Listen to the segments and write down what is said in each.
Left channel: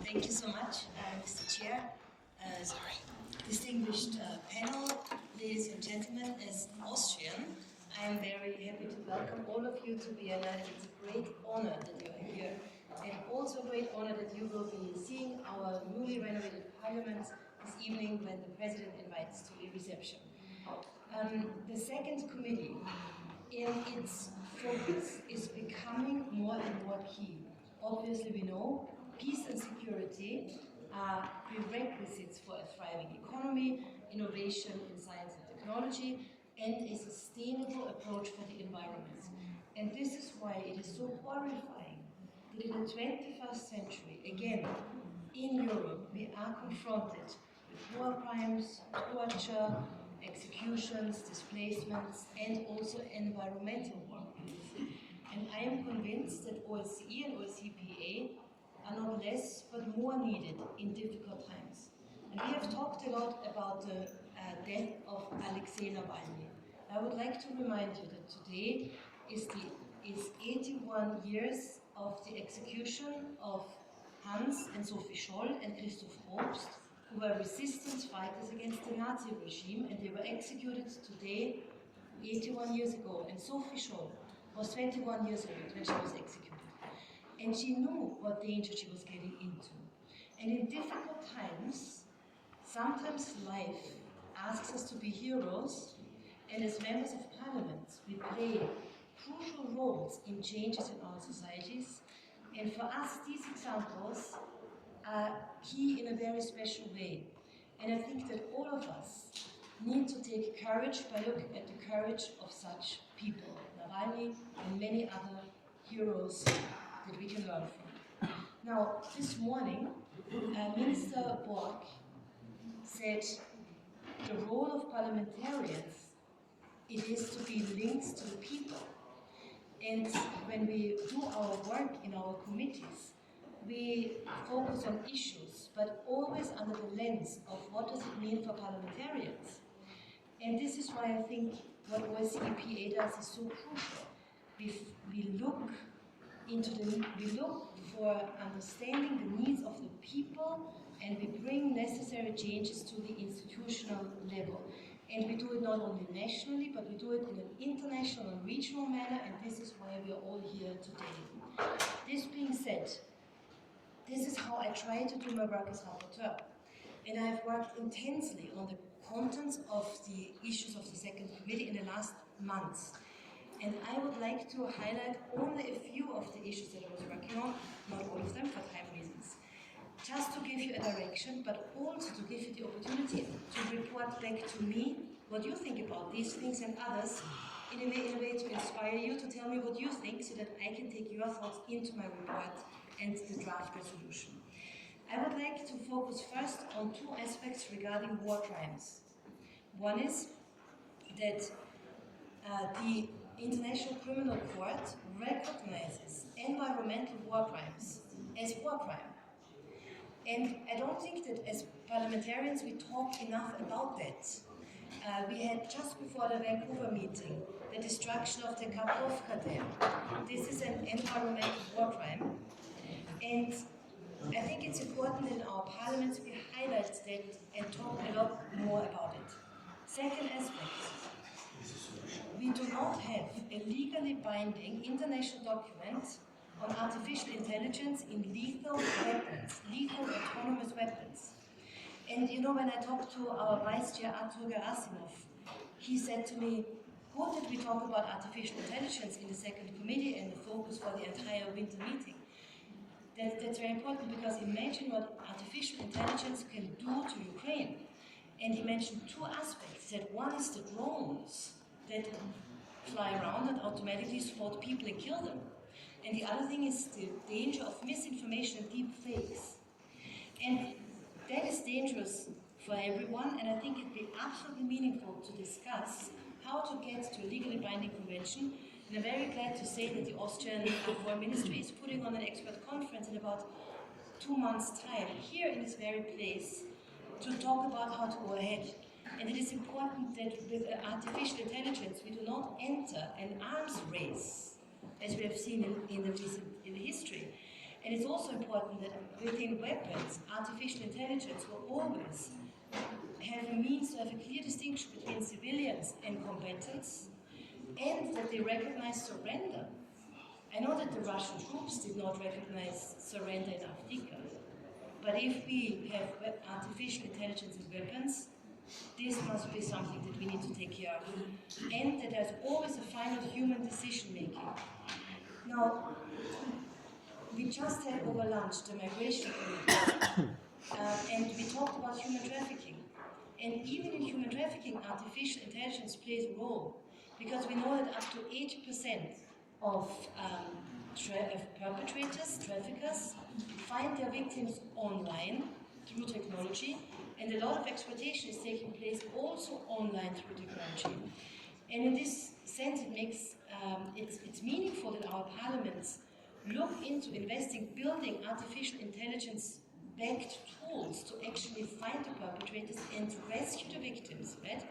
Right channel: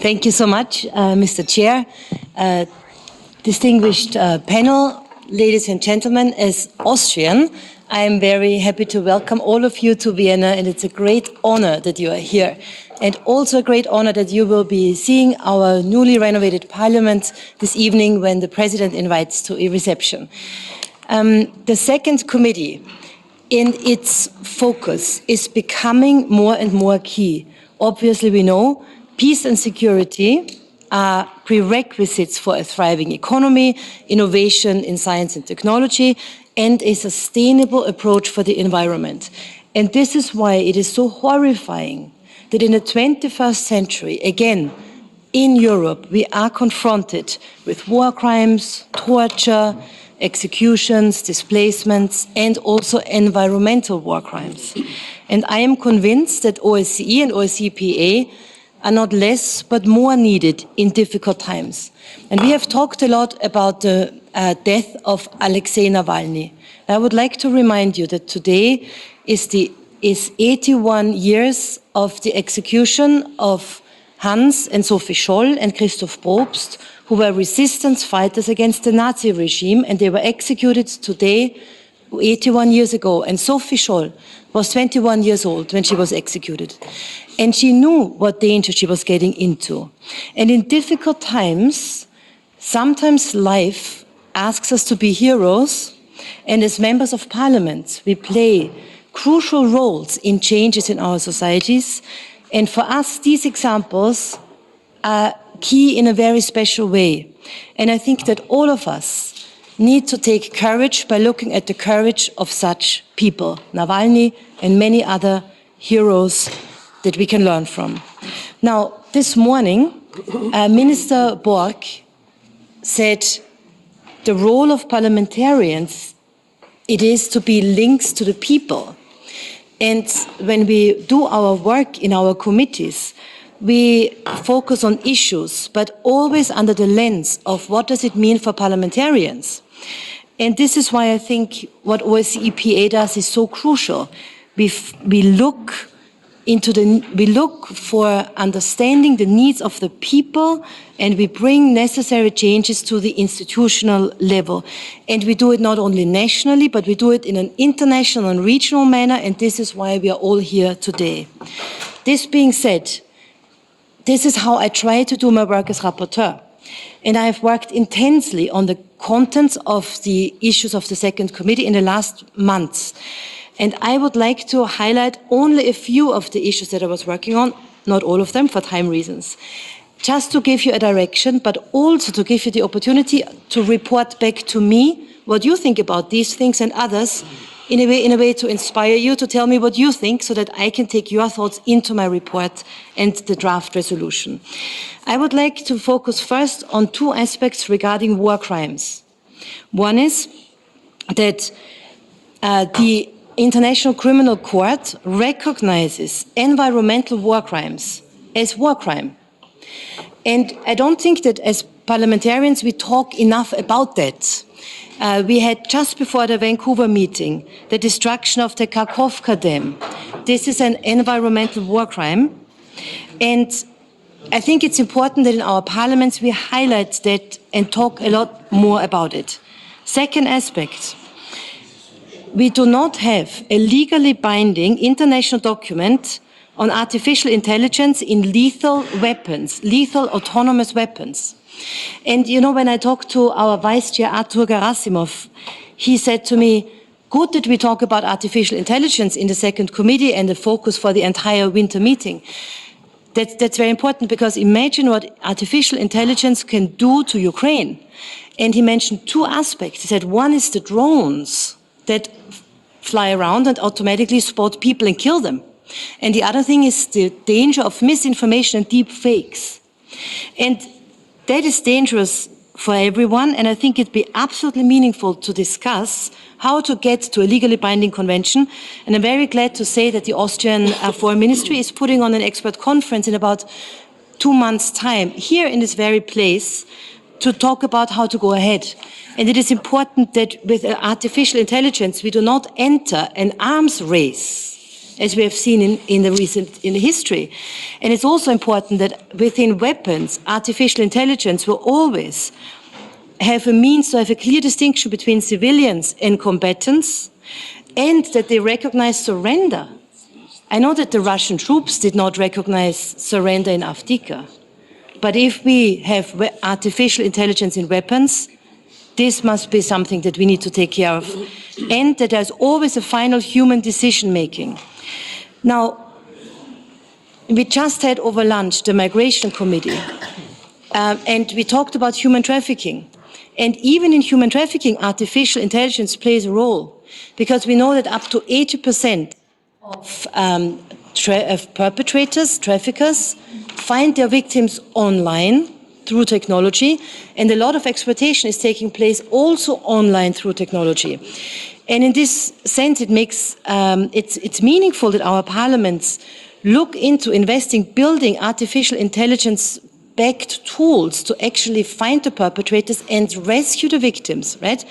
Thank you so much, Mr. Chair. Distinguished panel, ladies and gentlemen, as Austrian, I am very happy to welcome all of you to Vienna, and it's a great honor that you are here. And also a great honor that you will be seeing our newly renovated parliament this evening when the president invites to a reception. The second committee in its focus is becoming more and more key. Obviously, we know peace and security are prerequisites for a thriving economy, innovation in science and technology, and a sustainable approach for the environment. And this is why it is so horrifying that in the 21st century, again, in Europe, we are confronted with war crimes, torture, executions, displacements, and also environmental war crimes. And I am convinced that OSCE and OSCE are not less but more needed in difficult times. And we have talked a lot about the death of Alexei Navalny. I would like to remind you that today is 81 years of the execution of Hans and Sophie Scholl and Christoph Probst, who were resistance fighters against the Nazi regime, and they were executed today 81 years ago. And Sophie Scholl was 21 years old when she was executed. And she knew what danger she was getting into. And in difficult times, sometimes life asks us to be heroes, and as members of parliament, we play crucial roles in changes in our societies. And for us, these examples are key in a very special way. And I think that all of us need to take courage by looking at the courage of such people, Navalny and many other heroes that we can learn from. Now, this morning, Minister Borg said the role of parliamentarians, it is to be links to the people. And when we do our work in our committees, we focus on issues, but always under the lens of what does it mean for parliamentarians. And this is why I think what OSCE does is so crucial. We look for understanding the needs of the people, and we bring necessary changes to the institutional level. And we do it not only nationally, but we do it in an international and regional manner, and this is why we are all here today. This being said, this is how I try to do my work as rapporteur. And I have worked intensely on the contents of the issues of the second committee in the last months. And I would like to highlight only a few of the issues that I was working on, not all of them for time reasons, just to give you a direction, but also to give you the opportunity to report back to me what you think about these things and others, in a way to inspire you to tell me what you think so that I can take your thoughts into my report and the draft resolution. I would like to focus first on two aspects regarding war crimes. One is that the International Criminal Court recognizes environmental war crimes as war crime. And I don't think that as parliamentarians we talk enough about that. We had just before the Vancouver meeting the destruction of the Kakhovka Dam. This is an environmental war crime. And I think it's important that in our parliaments we highlight that and talk a lot more about it. Second aspect. We do not have a legally binding international document on artificial intelligence in lethal weapons, lethal autonomous weapons. And you know, when I talked to our Vice Chair, Artur Gerasimov, he said to me, good that we talk about artificial intelligence in the second committee and the focus for the entire winter meeting. That's very important, because imagine what artificial intelligence can do to Ukraine. And he mentioned two aspects. He said one is the drones that fly around and automatically spot people and kill them. And the other thing is the danger of misinformation and deep fakes. And that is dangerous for everyone, and I think it'd be absolutely meaningful to discuss how to get to a legally binding convention. And I'm very glad to say that the Austrian Foreign Ministry is putting on an expert conference in about 2 months' time here in this very place to talk about how to go ahead. And it is important that with artificial intelligence we do not enter an arms race as we have seen in the history. And it's also important that within weapons, artificial intelligence will always have a means to have a clear distinction between civilians and combatants, and that they recognize surrender. I know that the Russian troops did not recognize surrender in Avdiivka, but if we have artificial intelligence in weapons, this must be something that we need to take care of, and that there's always a final human decision-making. Now, we just had over lunch the Migration Committee, and we talked about human trafficking. And even in human trafficking, artificial intelligence plays a role, because we know that up to 80% of perpetrators, traffickers, find their victims online through technology, and a lot of exploitation is taking place also online through technology. And in this sense, it makes it's meaningful that our parliaments look into investing, building artificial intelligence-backed tools to actually find the perpetrators and rescue the victims, right?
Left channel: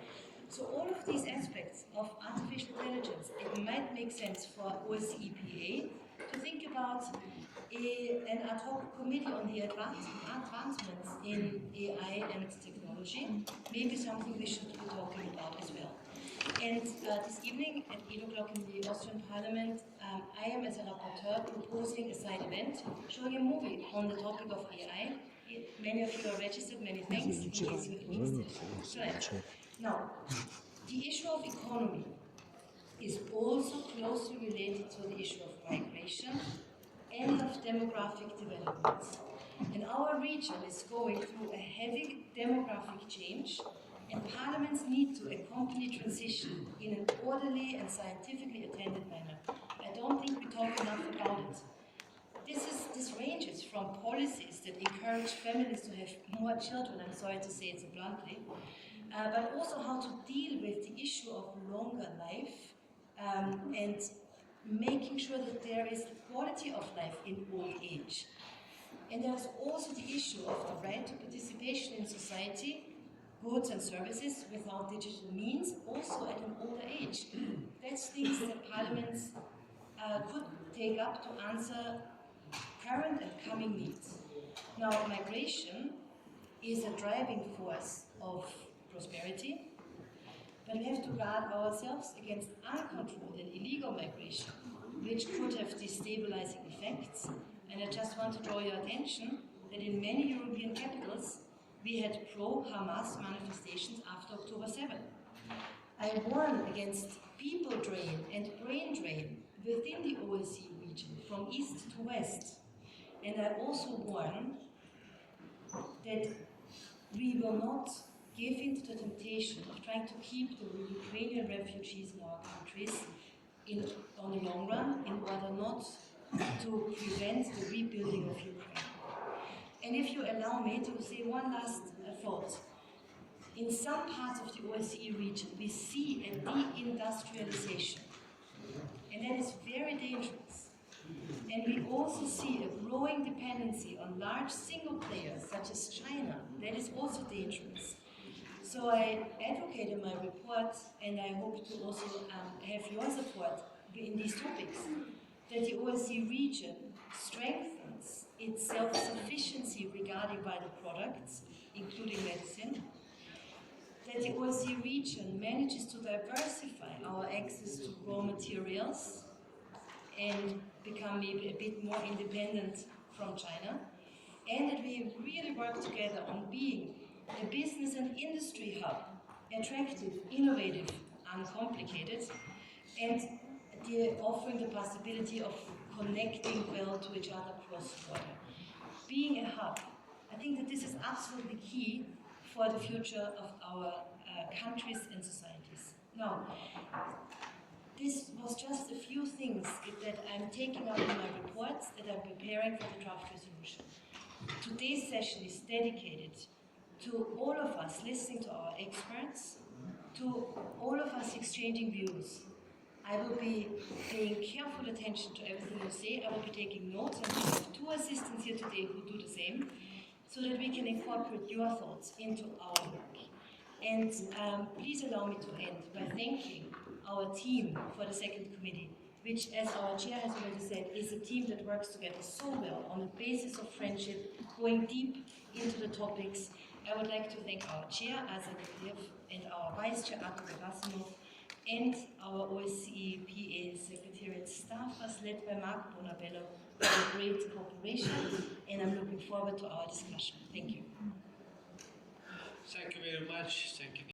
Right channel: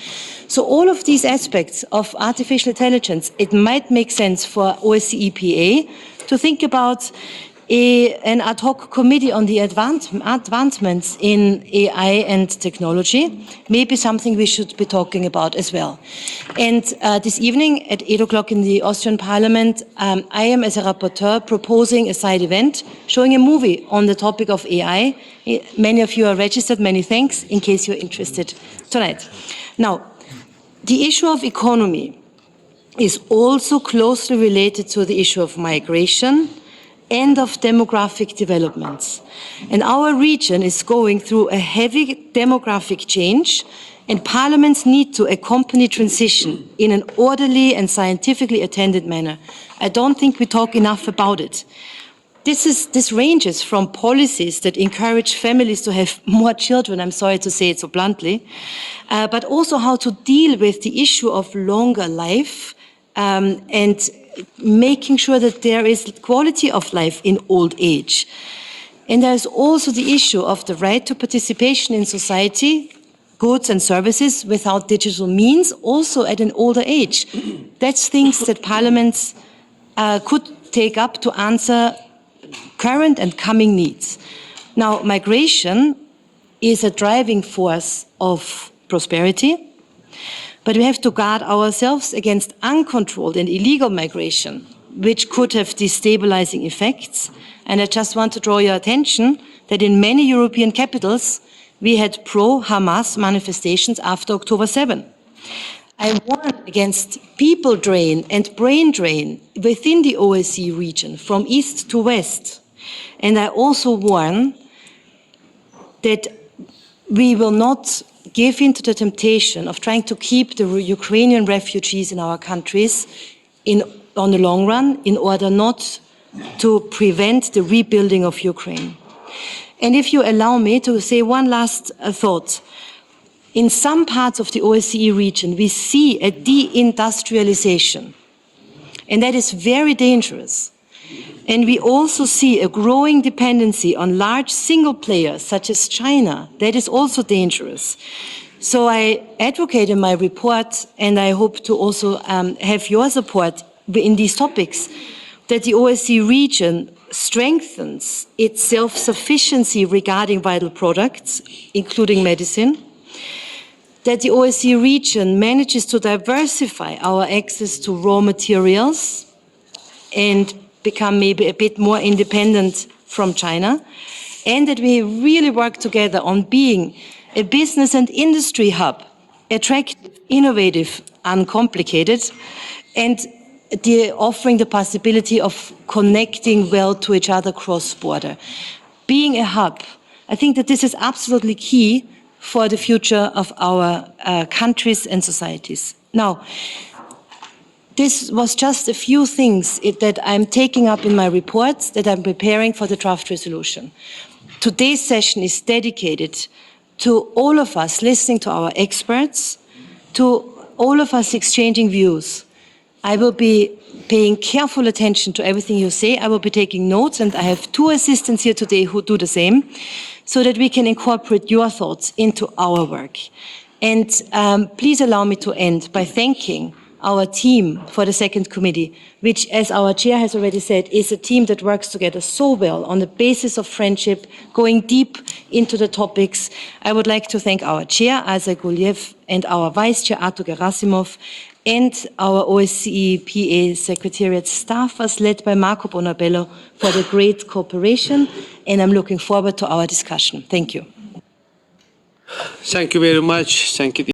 So all of these aspects of artificial intelligence, it might make sense for OSCE PA to think about an ad hoc committee on the advancements in AI and technology, maybe something we should be talking about as well. And this evening at 8 o'clock in the Austrian Parliament, I am, as a rapporteur, proposing a side event showing a movie on the topic of AI. Many of you are registered, many thanks, in case you're interested tonight. Now, the issue of economy is also closely related to the issue of migration and of demographic developments. And our region is going through a heavy demographic change, and parliaments need to accompany transition in an orderly and scientifically attended manner. I don't think we talk enough about it. This ranges from policies that encourage families to have more children, I'm sorry to say it so bluntly, but also how to deal with the issue of longer life and making sure that there is quality of life in old age. And there's also the issue of the right to participation in society, goods and services without digital means, also at an older age. That's things that parliaments could take up to answer current and coming needs. Now, migration is a driving force of prosperity, but we have to guard ourselves against uncontrolled and illegal migration, which could have destabilizing effects. And I just want to draw your attention that in many European capitals, we had pro-Hamas manifestations after October 7. I warn against people drain and brain drain within the OSCE region, from east to west. And I also warn that we will not give in to the temptation of trying to keep the Ukrainian refugees in our countries on the long run in order not to prevent the rebuilding of Ukraine. And if you allow me to say one last thought, in some parts of the OSCE region, we see a deindustrialization, and that is very dangerous. And we also see a growing dependency on large single players, such as China. That is also dangerous. So I advocate in my report, and I hope to also have your support in these topics, that the OSCE region strengthens its self-sufficiency regarding vital products, including medicine, that the OSCE region manages to diversify our access to raw materials and become maybe a bit more independent from China, and that we really work together on being a business and industry hub, attractive, innovative, uncomplicated, and offering the possibility of connecting well to each other cross-border. Being a hub, I think that this is absolutely key for the future of our countries and societies. Now, this was just a few things that I'm taking up in my reports that I'm preparing for the draft resolution. Today's session is dedicated to all of us listening to our experts, to all of us exchanging views. I will be paying careful attention to everything you say. I will be taking notes, and I have 2 assistants here today who do the same, so that we can incorporate your thoughts into our work. And please allow me to end by thanking our team for the second committee, which, as our chair has already said, is a team that works together so well on the basis of friendship, going deep into the topics. I would like to thank our chair, Isaac Guliev, and our vice chair, Artur Gerasimov, and our OSCE PA Secretariat staffers led by Marco Bonabello for the great cooperation, and I'm looking forward to our discussion. Thank you. Thank you very much. Thank you.